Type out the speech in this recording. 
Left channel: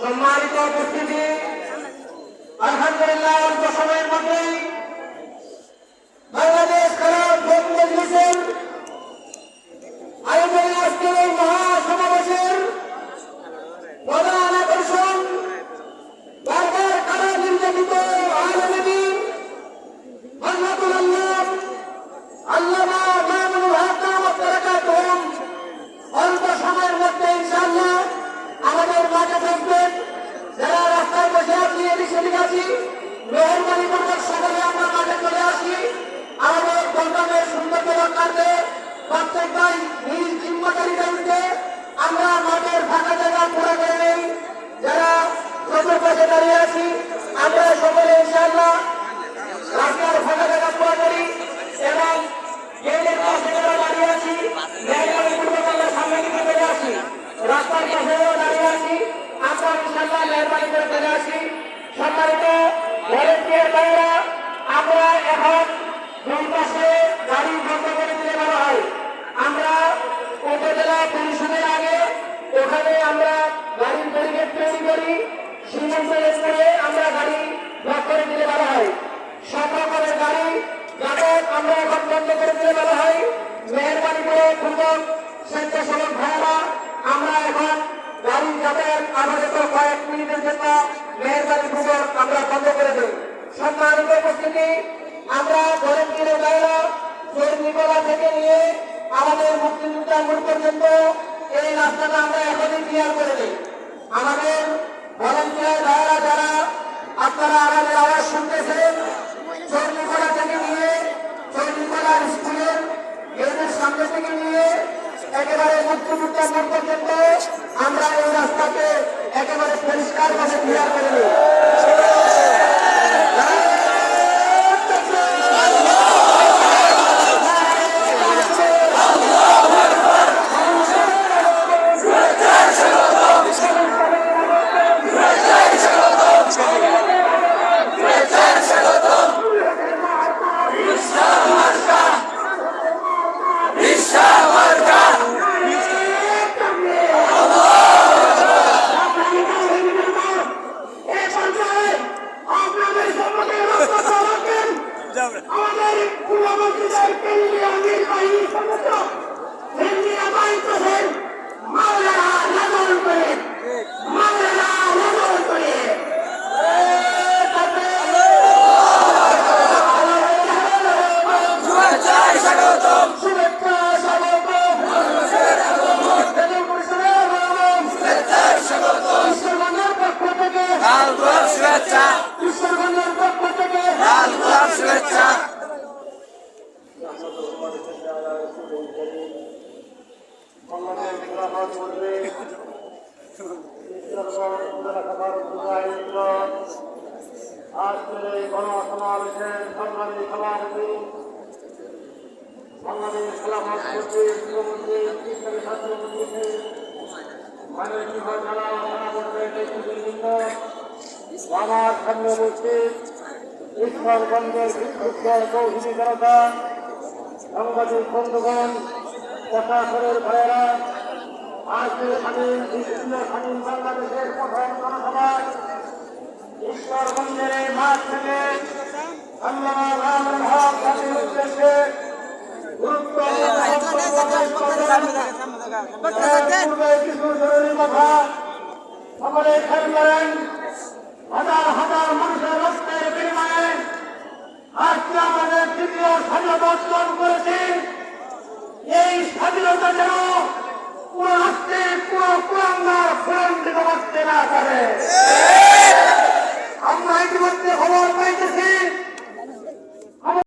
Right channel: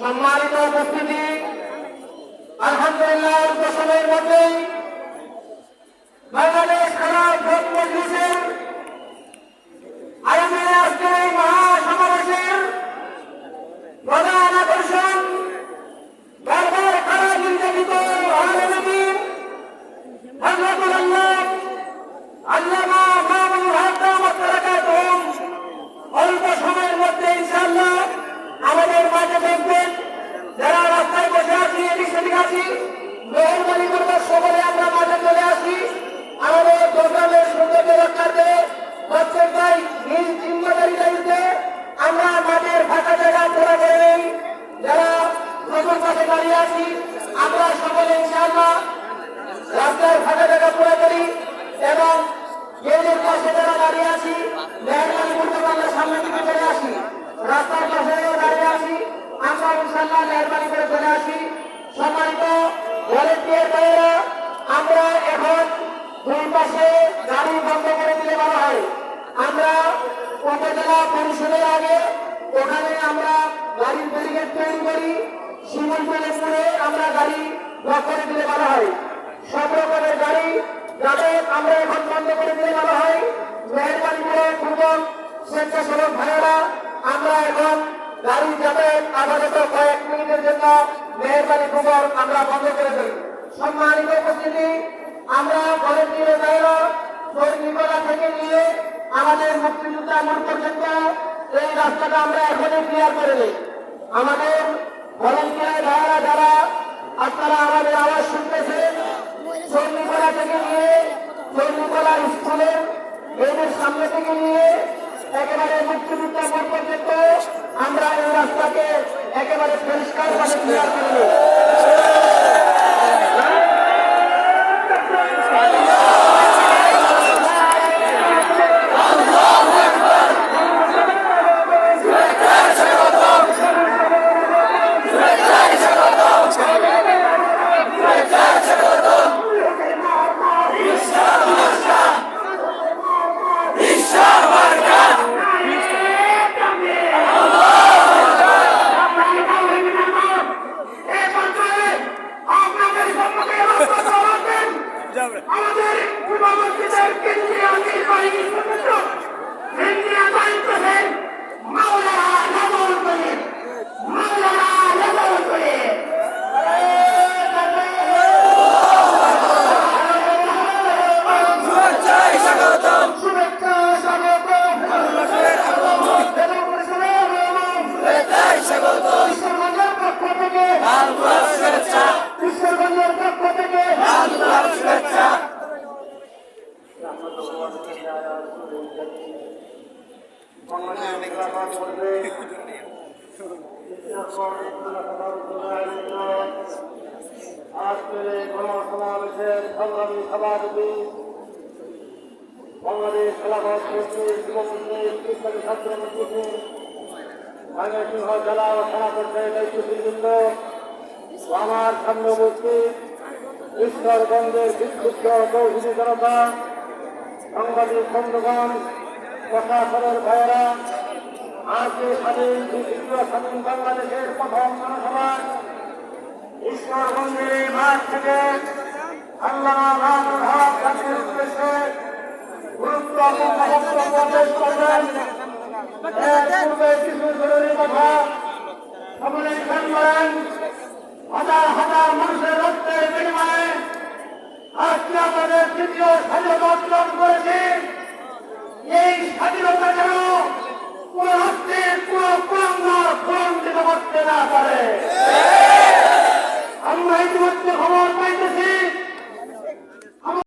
সম্মানিত উপস্থিতি, আলহামদুলিল্লাহ অল্প সময়ের মধ্যেই বাংলাদেশ খেলাফ মজলিসের আয়োজনে আজকের এই মহাসমাবেশের প্রধান আকর্ষণ বারবার কারা নির্যাতিত আলেম দ্বীন আল্লাহুল্লাহ আল্লামা মামুনুল হক দাওয়াত বারাকাতুহুম অল্প সময়ের মধ্যে ইনশাআল্লাহ আমাদের মাঝে থাকবেন। যারা রাস্তায় বসে আছি এদিকে আছি, মেহরবানি করে সকলে আমরা মাঝে চলে আসি। আমাদের প্রোগ্রামের সুন্দর কাজে কর্তব্যই নিজ জিম্মাদারিতে উঠে আমরা মাঠের ফাঁকা জায়গা পুরো করে নেই। যারা চতুর্পাশে দাঁড়িয়ে আছি আমরা সকলে ইনশাআল্লাহ রাস্তার ফাঁকা জায়গা পুরো করি এবং গেটের পাশে যারা দাঁড়িয়ে আছি মেহরবানি পূর্বক আমরা সামনে দিকে চলে আসি। রাস্তার পাশেও দাঁড়িয়ে আছি আমরা ইনশাআল্লাহ মেহরবানি করে চলে আসি। সম্মানিত ভলেন্টিয়ার ভাইরা, আমরা এখন দুই পাশে গাড়ি বন্ধ করে দিলে ভালো হয়। আমরা উপজেলা পরিষদের আগে ওখানে আমরা গাড়ির ব্যারিকেড তৈরি করি, সিঙ্গেল প্যানেল করে আমরা গাড়ি ব্লক করে দিলে ভালো হয়। সব রকমের গাড়ি যাতে আমরা এখন বন্ধ করে দিলে ভালো হয়। মেহরবানি করে পূর্বক স্বেচ্ছাসেবক ভাইয়েরা আমরা এখন গাড়ি যাতায়াত আপাতত কয়েক মিনিটের জন্য মেহরবানি পূর্বক আমরা বন্ধ করে দিই। সম্মানিত উপস্থিতি, আমরা ভলেন্টিয়ার ভাইরা চৈনিকলা থেকে নিয়ে আমাদের মুক্তিযোদ্ধা মোড় পর্যন্ত এই রাস্তাটা আমরা এখনই ক্লিয়ার করে দিই। আমাদের ভলেন্টিয়ার ভাইরা যারা আপনারা আমাদের আওয়াজ শুনতেছেন, চৈনিকলা থেকে নিয়ে চৈনিকলা স্কুলের গেটের সামনে থেকে নিয়ে একেবারে মুক্তিযোদ্ধা মোড় পর্যন্ত আমরা এই রাস্তাকে একেবারে পরিষ্কার ভাবে ক্লিয়ার করে দিই। আমাদের পূর্ববর্তীদের কেন্দ্রীয় নির্বাহী সদস্য ইঞ্জিনিয়ার দায়িত্ব আছেন মাওলানা নাজমুল করিম, মাওলানা নাজমুল করিম। বাংলাদেশ খেলাফত জেলা ও থানা পর্যায়ে দায়িত্বশীলবৃন্দ, আমার সামনে উপস্থিত ঈশ্বরগঞ্জের বিক্ষুব্ধ তৌহিদি জনতা, সাংবাদিক বন্ধুগণ, প্রশাসনের ভাইয়েরা, আজকে স্বাধীন দ্বিতীয় স্বাধীন বাংলাদেশের প্রথম জনসভা ঈশ্বরগঞ্জের এই মাঠ থেকে আল্লামা মামুনুল হক জাতির উদ্দেশ্যে গুরুত্বপূর্ণ বক্তব্য পেশ করবেন। এর পূর্বে কিছু জরুরি কথা সকলে খেয়াল করেন। হাজার হাজার মানুষের রক্তের বিনিময়ে আজকে আমাদের তৃতীয় স্বাধীনতা অর্জন করেছি। এই স্বাধীনতা যেন কোন রাষ্ট্রে কোন কুলাঙ্গার প্রলম্বিত করতে না পারে।